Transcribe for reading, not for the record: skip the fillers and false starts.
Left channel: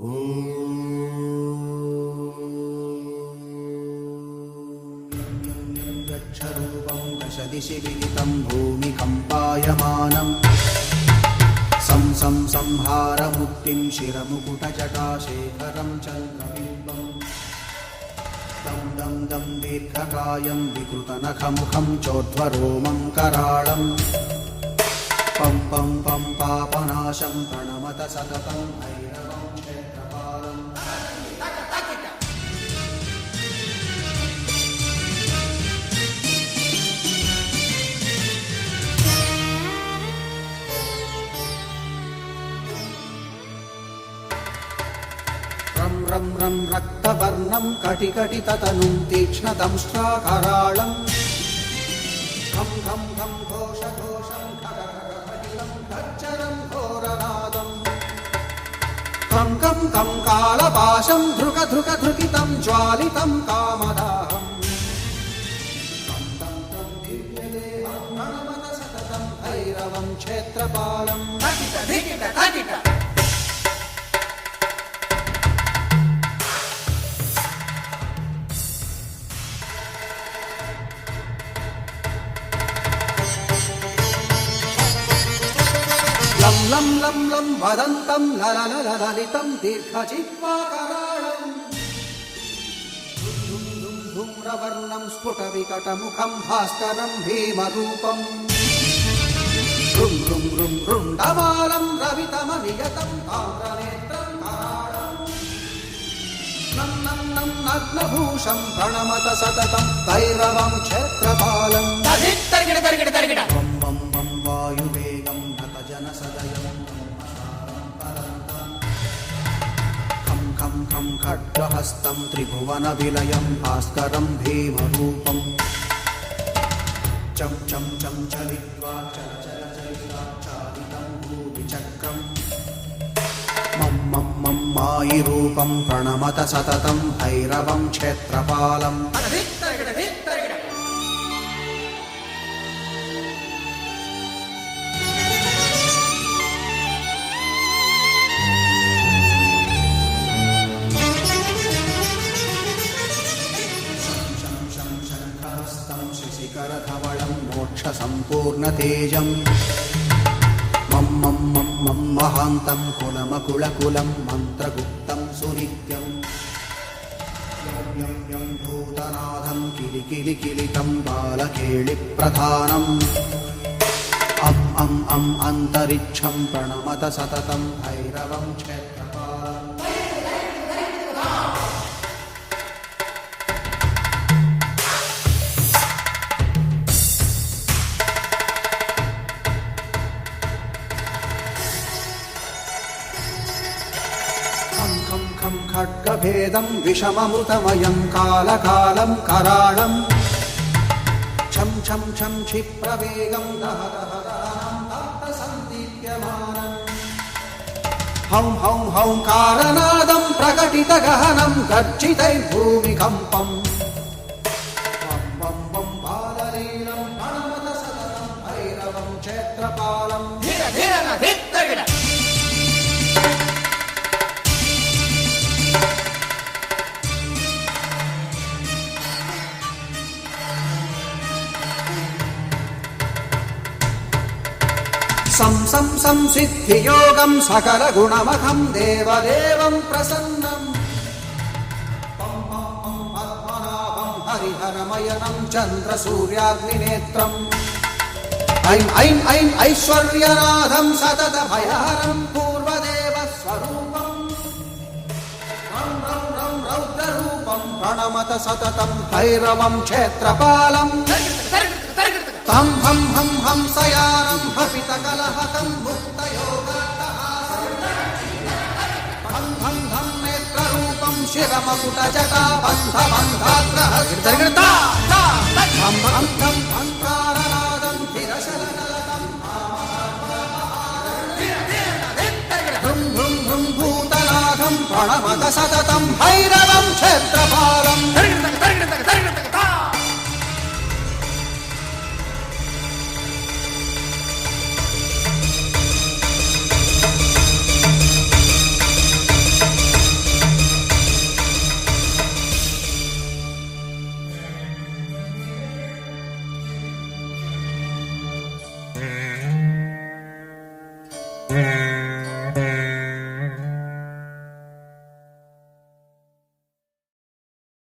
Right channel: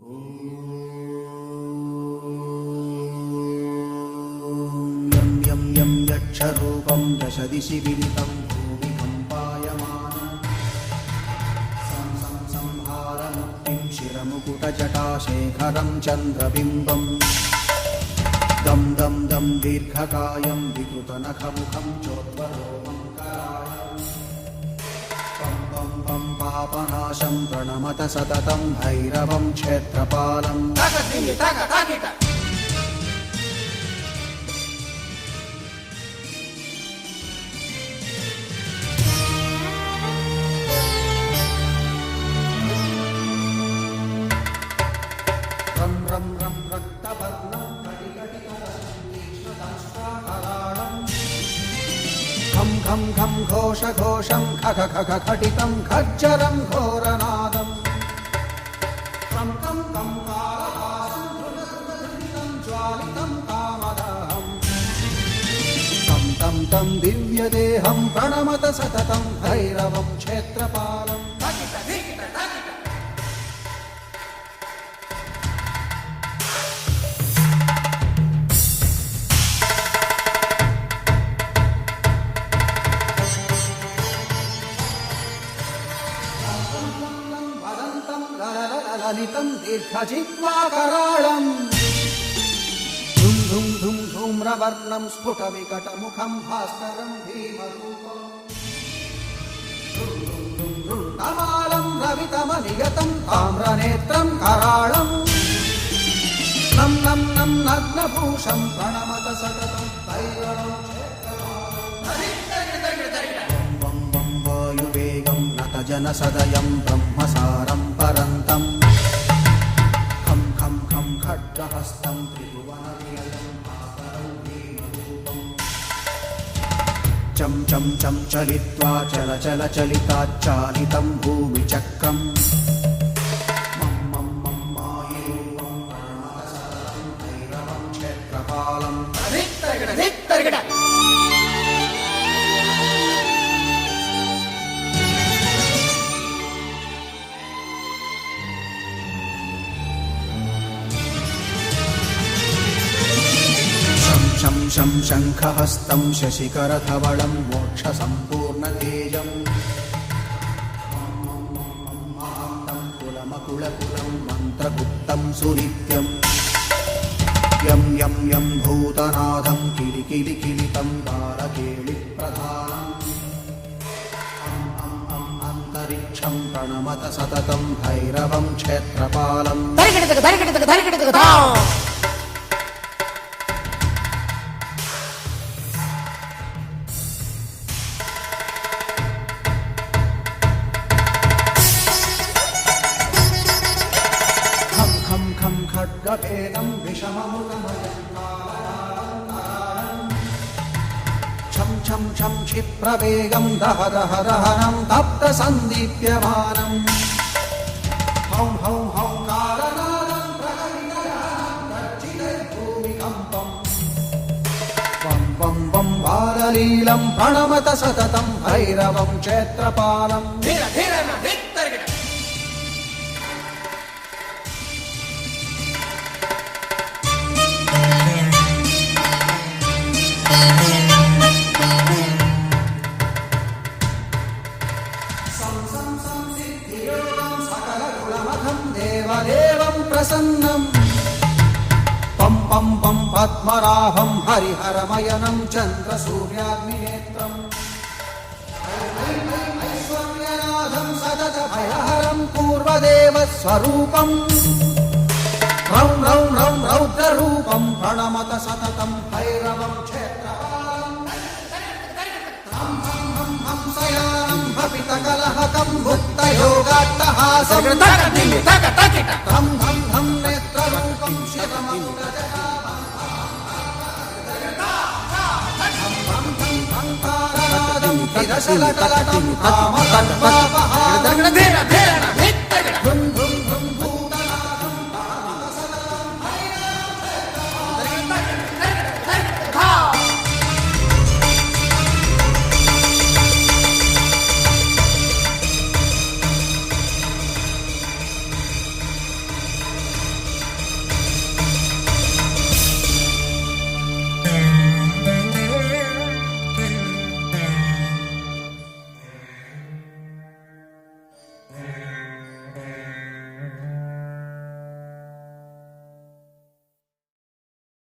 यं यं यं यक्षरूपं दशदिशि विदितं भूमिकम्पायमानं सं सं संहारमुक्तिं शिरमुकुटजटाशेखरं चन्द्रबिम्बं दं दं दं दीर्घकायं विकृतनखमुखं चोद्ध्वरोमं कराळं पं पं पं पापनाशं प्रणमत सततं भैरवं क्षेत्रपालं रं रं रं रक्तवर्णं कटिकटिततनुं तीक्ष्णदंष्ट्राकराळं घं घं घं घोषघोषं खख खख खटितं खच्चरं घोरनादं कं कं कं कालपाशं धृक धृक धृकितं ज्वालितं कामदाहं तं तं तं दिव्यदेहं प्रणमत सततं भैरवं क्षेत्रपालं लं लं लं लं वदन्तं लललललितं दीर्घजिह्वाकराळं धुं धुं धुं धूम्रवर्णं स्फुटविकटमुखं भास्करं भीमरूपं रुं रुं रुं रुण्डमालं रवितमनियतं ताम्रनेत्रं कराळं नं नं नं नग्नभूषं प्रणमत सततं भैरवं क्षेत्रपालं वं वं वं वायुवेगं नतजनसदयं ब्रह्मसारं परन्तं खं खं खं खड्गहस्तं त्रिभुवनविलयं भास्करं भीमरूपं चं चं चं चलित्वा चल चल चलिताच्चालितं भूमिचक्रं मं मं मं मायिरूपं प्रणमत सततं भैरवं क्षेत्रपालं शं शं शङ्खहस्तं शशिकरधवलं मोक्षसम्पूर्णतेजं मं मं मं मं महान्तं कुलमकुलकुलं मन्त्रगुप्तं सुनित्यं यं यं यं भूतनाथं किलिकिलिकिलितं बालकेलिप्रधानम् अं अं अं अन्तरिक्षं प्रणमत सततं भैरवं क्षेत्रपालं खड्गभेदं विषममृतमयं कालकालं कराळं छं छं छं क्षिप्रवेगं दह दह दहनं तप्तसन्दीप्यमानं हौं हौं हौंकारनादं प्रकटितगहनं गर्जितैर्भूमिकम्पं वं वं वं बाललीलं प्रणमत सततं भैरवं क्षेत्रपालं सं सं संसिद्धियोगं सकलगुणमखं देवदेवं प्रसन्नं पं पं पं पद्मराभं हरिहरमयनं चन्द्रसूर्याग्निनेत्रम् ऐं ऐं ऐं ऐश्वर्यनाथं सततभयहरं पूर्वदेवस्वरूपं रौं रौं रौं रौद्ररूपं प्रणमत सततं भैरवं क्षेत्रपालं तं हं हं हंसयानं हपितकलहकं भुक्तयोगाट्टहासं हं हं हं नेत्ररूपं शिरमकुटजटाबन्धबन्धाग्रहं हं हं हं हङ्कारनादं विरशलकलटं कामदाहं